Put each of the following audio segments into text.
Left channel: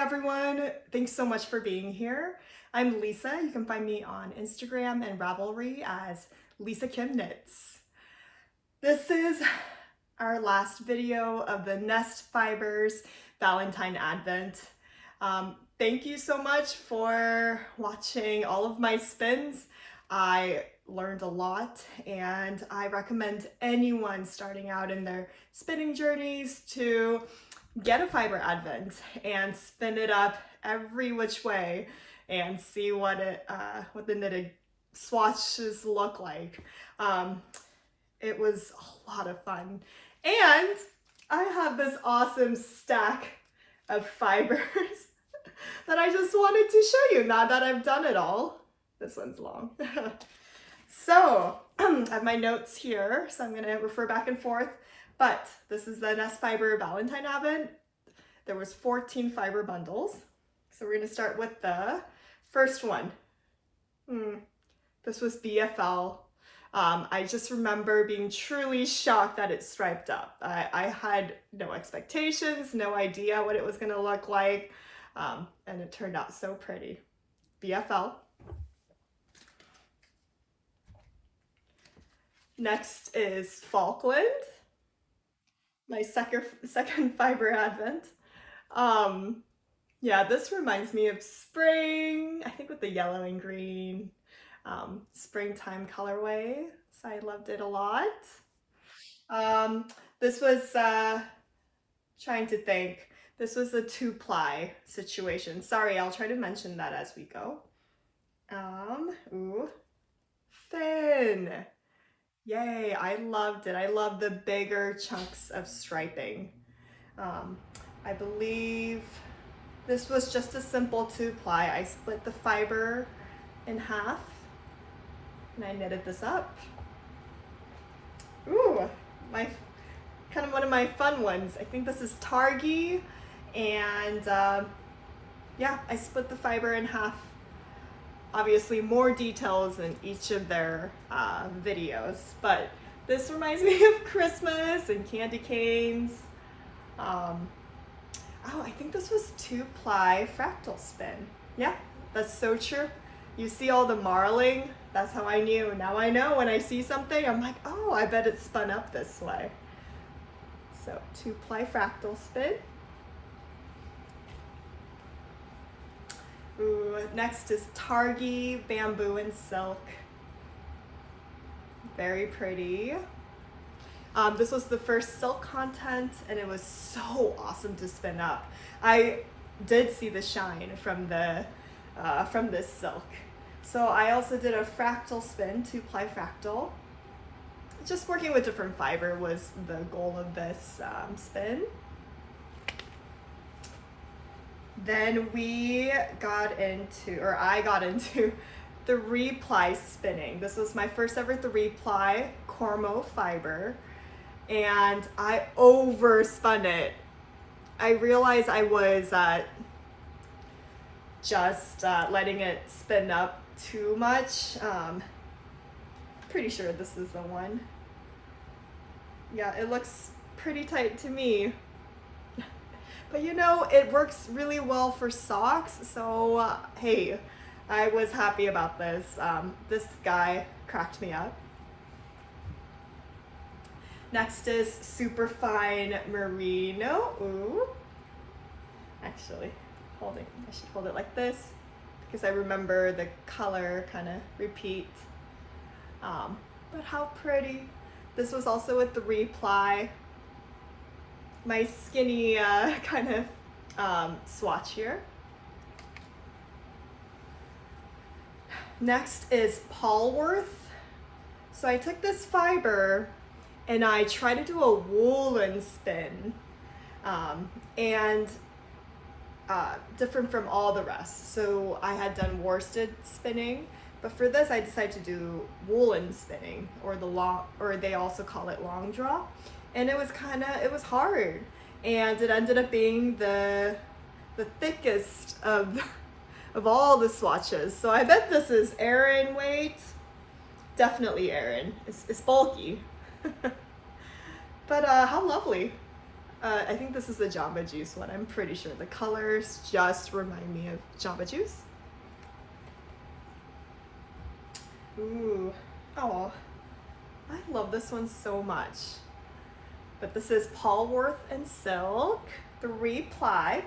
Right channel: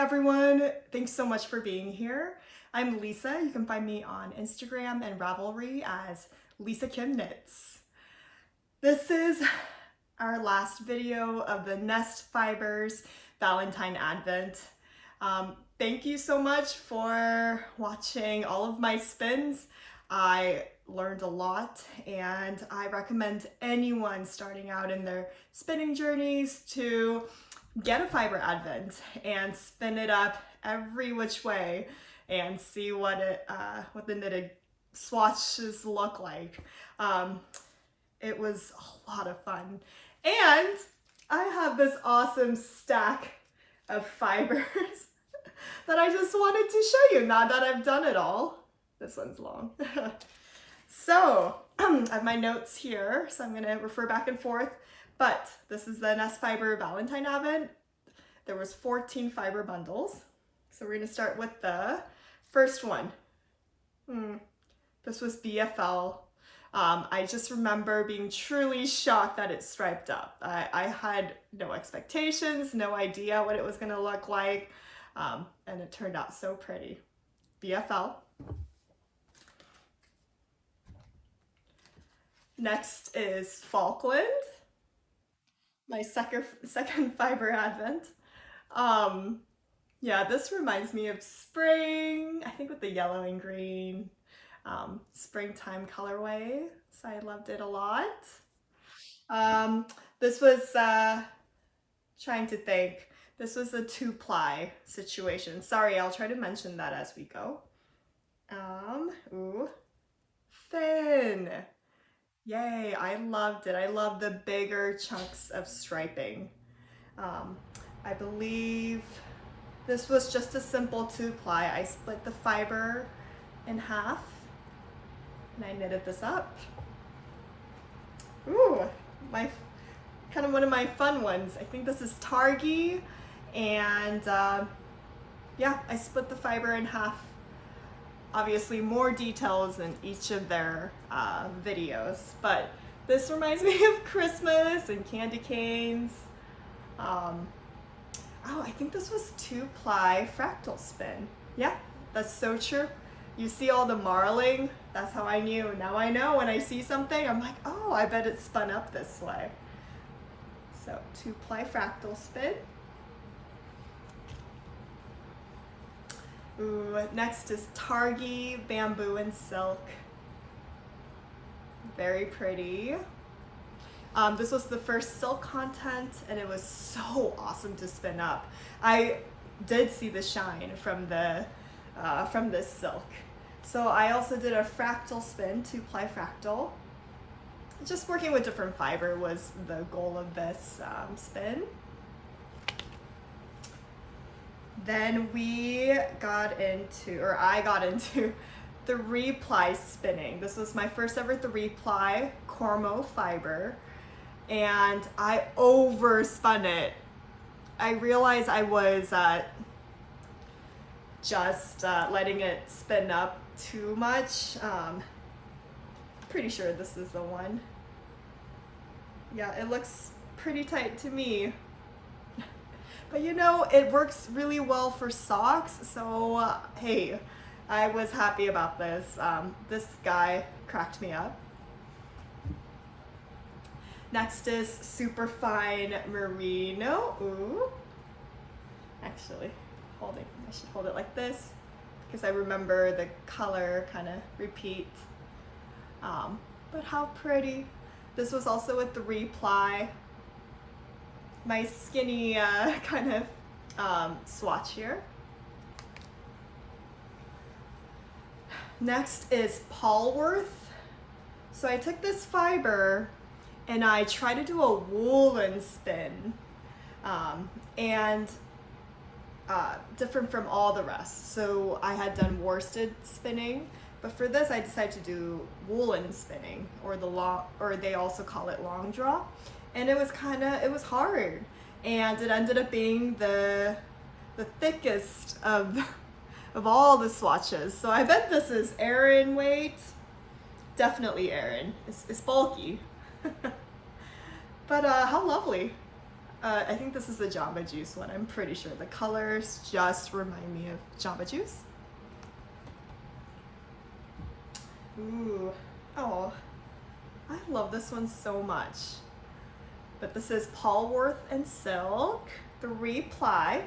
everyone. Thanks so much for being here. I'm Lisa. You can find me on Instagram and Ravelry as Lisa Kim Knits. This is our last video of the Nest Fibers Valentine Advent. Thank you so much for watching all of my spins. I learned a lot, and I recommend anyone starting out in their spinning journeys to get a fiber advent and spin it up every which way and see what the knitted swatches look like. It was a lot of fun, and I have this awesome stack of fibers that I just wanted to show you now that I've done it all. This one's long. So I have my notes here, so I'm going to refer back and forth. But this is the Nest Fiber Valentine Advent. There was 14 fiber bundles. So we're going to start with the first one. This was BFL. I just remember being truly shocked that it striped up. I had no expectations, no idea what it was going to look like. And it turned out so pretty. BFL. Next is Falkland, my second fiber advent. Yeah, this reminds me of spring, I think with the yellow and green, springtime colorway. So I loved it a lot. This was, trying to think, this was a 2-ply situation. Sorry, I'll try to mention that as we go. Thin. Yay, I loved it. I love the bigger chunks of striping. I believe this was just a simple 2-ply. I split the fiber in half and I knitted this up. Ooh, kind of one of my fun ones. I think this is Targi, and yeah, I split the fiber in half. Obviously more details in each of their videos, but this reminds me of Christmas and candy canes. Oh, I think this was 2-ply fractal spin. Yeah, that's so true. You see all the marling, that's how I knew. Now I know when I see something, I'm like, oh, I bet it's spun up this way. So 2-ply fractal spin. Ooh, next is Targi Bamboo and Silk. Very pretty. This was the first silk content, and it was so awesome to spin up. I did see the shine from this silk. So I also did a fractal spin, 2-ply fractal. Just working with different fiber was the goal of this spin. Then I got into 3-ply spinning. This was my first ever 3-ply Cormo fiber, and I overspun it. I realized I was just letting it spin up too much. Pretty sure this is the one. Yeah, it looks pretty tight to me. But you know, it works really well for socks, so hey, I was happy about this. This guy cracked me up. Next is Superfine Merino. Ooh. Actually, I should hold it like this because I remember the color kind of repeat. But how pretty. This was also a 3-ply. My skinny kind of swatch here. Next is Polworth. So I took this fiber and I tried to do a woolen spin, and different from all the rest. So I had done worsted spinning, but for this I decided to do woolen spinning, or they also call it long draw. And it was hard, and it ended up being the thickest of all the swatches. So I bet this is Aran weight. Definitely Aran. It's bulky. But how lovely. I think this is the Jamba Juice one. I'm pretty sure the colors just remind me of Jamba Juice. Ooh, oh, I love this one so much. But this is Polworth and Silk, 3-ply,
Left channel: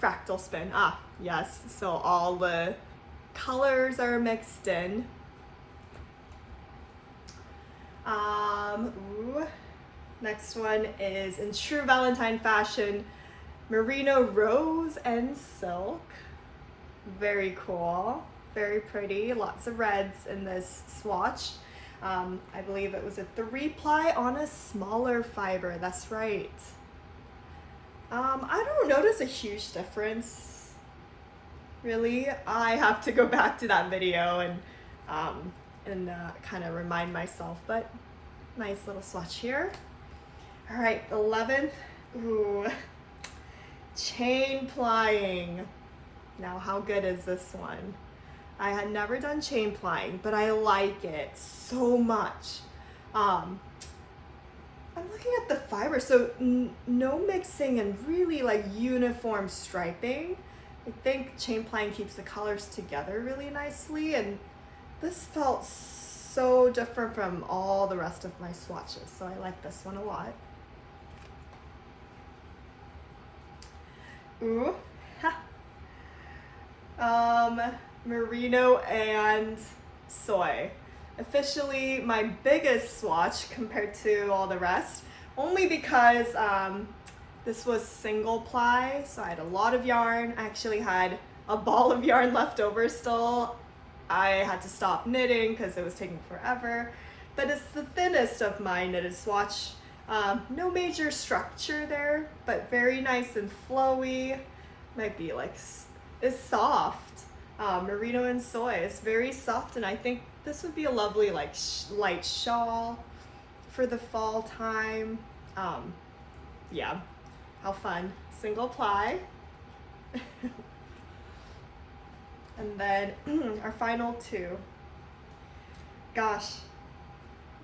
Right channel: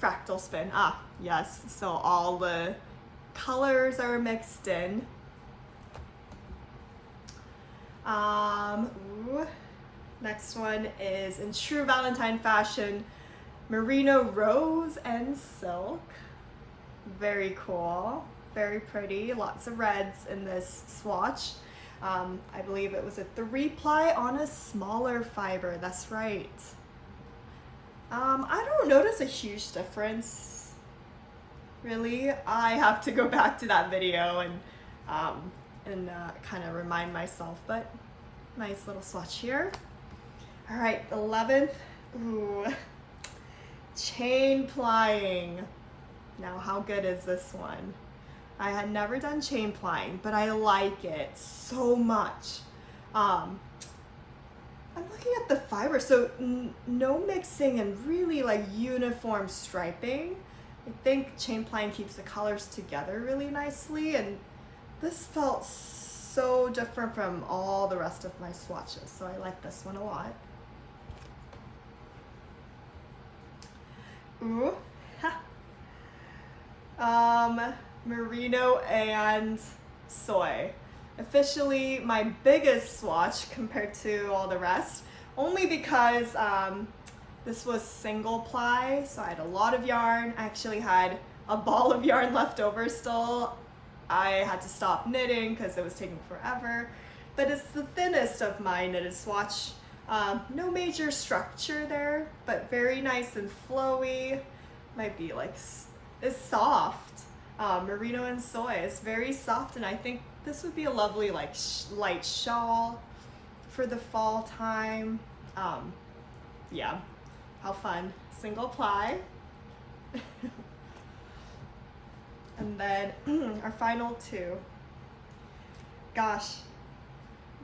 fractal spin. Ah, yes, so all the colors are mixed in. Ooh. Next one is in true Valentine fashion, Merino Rose and Silk. Very cool, very pretty, lots of reds in this swatch. I believe it was a 3-ply on a smaller fiber, that's right. I don't notice a huge difference, really. I have to go back to that video and kind of remind myself, but nice little swatch here. All right, 11th, ooh, chain plying. Now, how good is this one? I had never done chain plying, but I like it so much. I'm looking at the fiber, so no mixing and really like uniform striping. I think chain plying keeps the colors together really nicely, and this felt so different from all the rest of my swatches, so I like this one a lot. Ooh, Merino and Soy. Officially my biggest swatch compared to all the rest, only because this was single ply, so I had a lot of yarn. I actually had a ball of yarn left over still. I had to stop knitting because it was taking forever, but it's the thinnest of my knitted swatch. No major structure there, but very nice and flowy. Might be like, it's soft. Merino and Soy, it's very soft, and I think this would be a lovely like light shawl for the fall time. Yeah, how fun. Single ply. And then our final two. Gosh,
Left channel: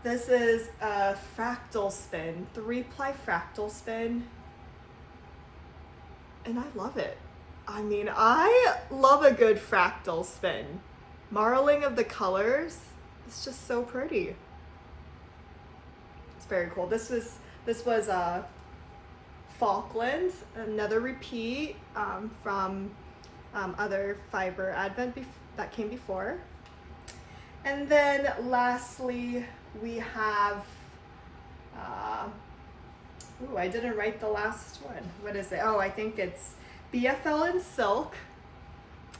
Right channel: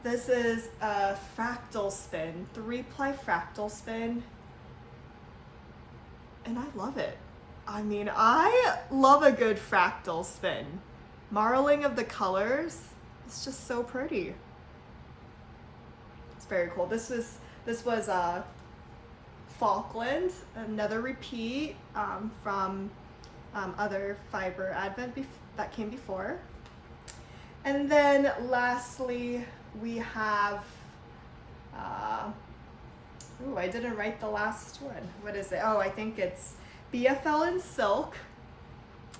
this is a fractal spin, 3-ply fractal spin, and I love it. I mean, I love a good fractal spin. Marling of the colors, it's just so pretty. It's very cool. This was Falkland, another repeat from other fiber advent that came before. And then lastly, we have, ooh, I didn't write the last one. What is it? Oh, I think it's BFL and Silk.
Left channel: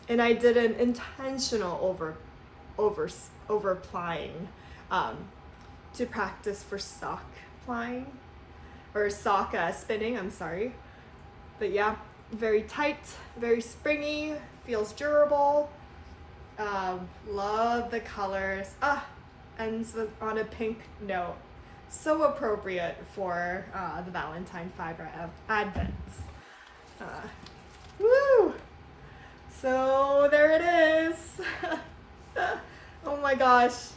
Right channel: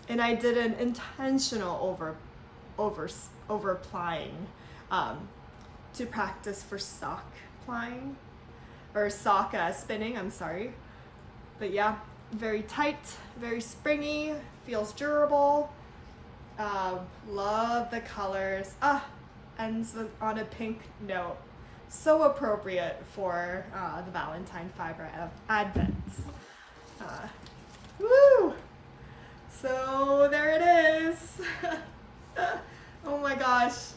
And I did an intentional over plying to practice for sock plying, or sock spinning, I'm sorry. But yeah, very tight, very springy, feels durable. Love the colors. Ends on a pink note. So appropriate for the Valentine fiber advents. Woo! So there it is. Oh my gosh.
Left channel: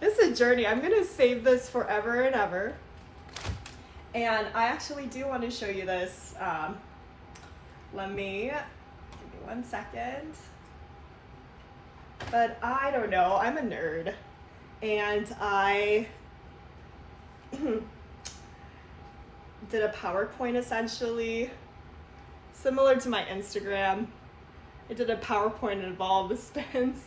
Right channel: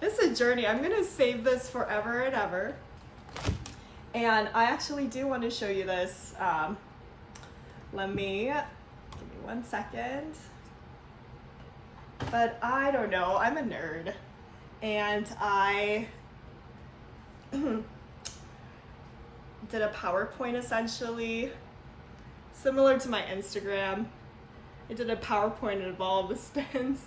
This is a journey. I'm gonna save this forever and ever. And I actually do want to show you this. Give me 1 second. But I don't know, I'm a nerd. And I did a PowerPoint essentially, similar to my Instagram. I did a PowerPoint of all the spins.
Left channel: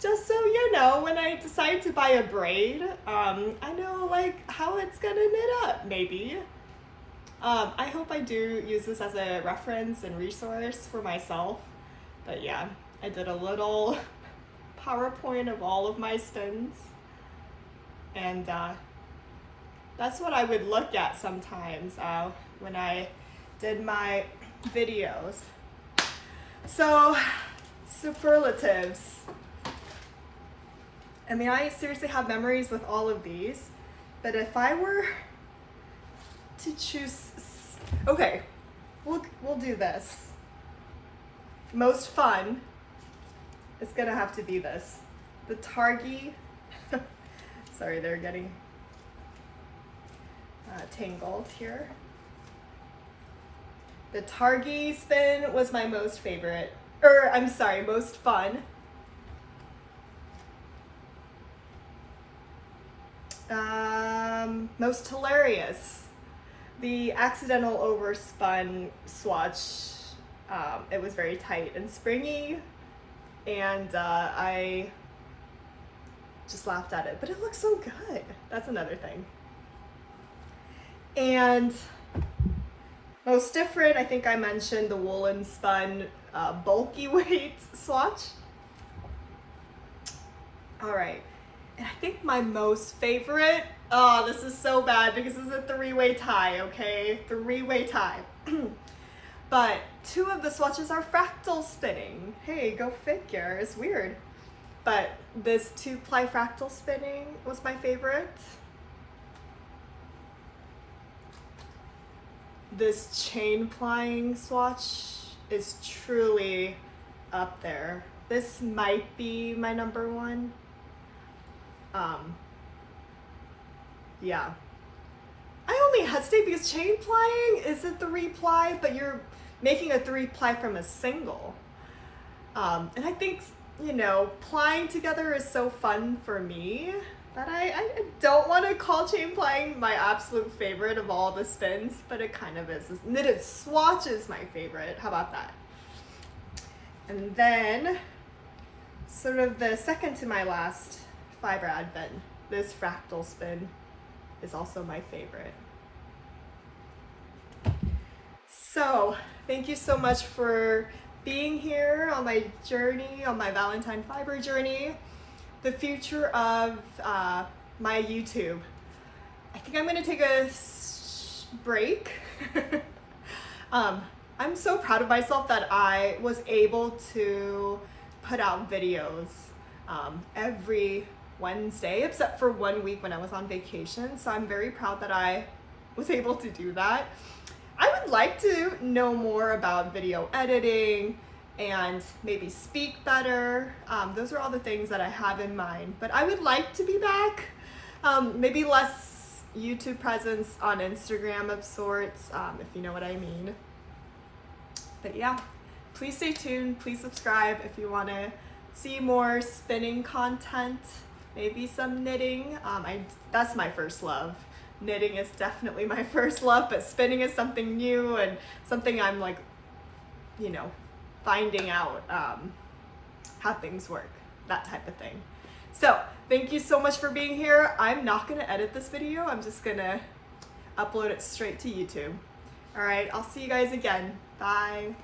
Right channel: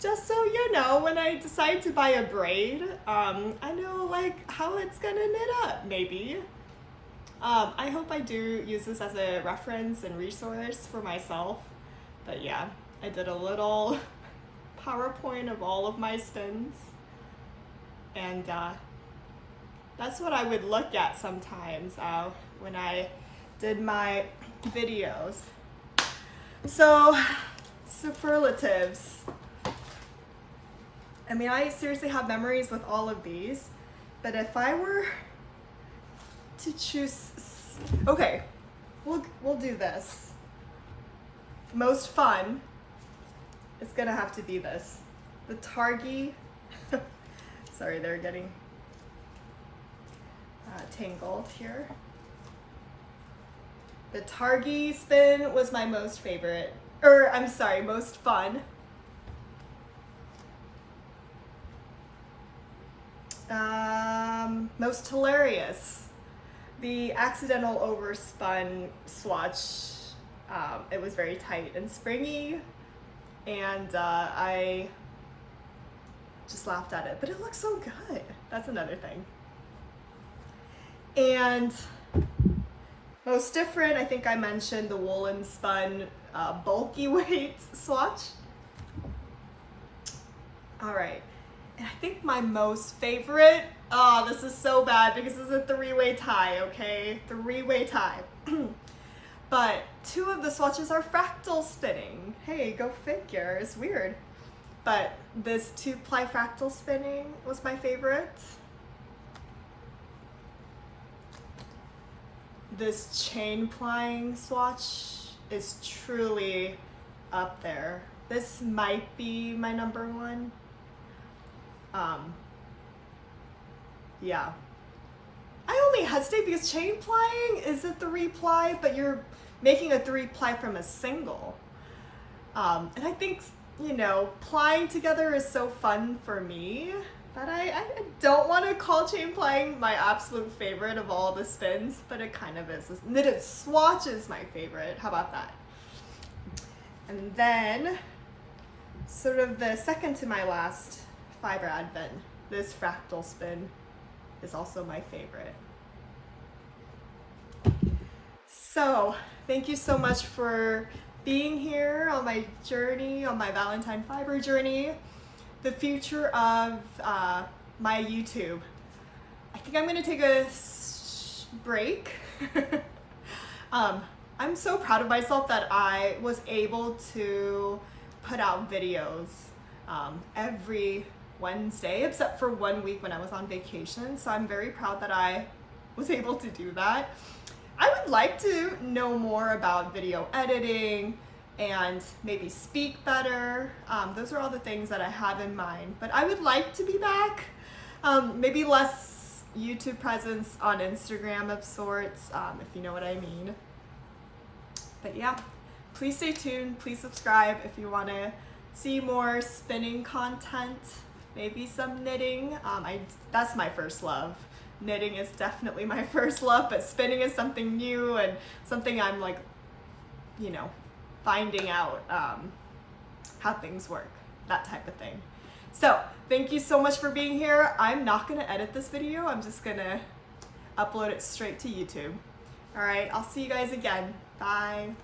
Just so you know, when I decide to buy a braid, I know like how it's gonna knit up, maybe. I hope I do use this as a reference and resource for myself. But yeah, I did a little PowerPoint of all of my spins. And that's what I would look at sometimes when I did my videos. So, superlatives. I mean, I seriously have memories with all of these, but if I were to choose, okay, we'll do this. Most fun is gonna have to be this. The Targhee, sorry, they're getting tangled here. The Targi spin was my most favorite, or I'm sorry, most fun. Most hilarious. The accidental overspun swatch, it was very tight and springy, and I just laughed at it, but it looks so good. That's another thing. And most different, I think I mentioned the woolen spun bulky weight swatch. All right, and I think my most favorite, oh, this is so bad because this is a three-way tie, okay? Three-way tie. But two of the swatches are fractal spinning. Hey, go figure, it's weird. But this 2-ply fractal spinning was my favorite. This chain plying swatch is truly up there. This might be my number one. Yeah. I only hesitate because chain plying is a 3-ply, but you're making a 3-ply from a single. And I think, you know, plying together is so fun for me that I don't want to call chain plying my absolute favorite of all the spins, but it kind of is. This knitted swatch is my favorite. How about that? And then, sort of the second to my last fiber advent, this fractal spin is also my favorite. So, thank you so much for being here on my journey, on my Valentine fiber journey. The future of my YouTube. I think I'm gonna take a break. I'm so proud of myself that I was able to put out videos every Wednesday, except for 1 week when I was on vacation. So I'm very proud that I was able to do that. I would like to know more about video editing and maybe speak better. Those are all the things that I have in mind, but I would like to be back. Maybe less YouTube presence on Instagram of sorts, if you know what I mean. But yeah, please stay tuned. Please subscribe if you want to see more spinning content, maybe some knitting. That's my first love. Knitting is definitely my first love, but spinning is something new and something I'm like, you know, finding out how things work, that type of thing. So thank you so much for being here. I'm not gonna edit this video. I'm just gonna upload it straight to YouTube. All right, I'll see you guys again. Bye.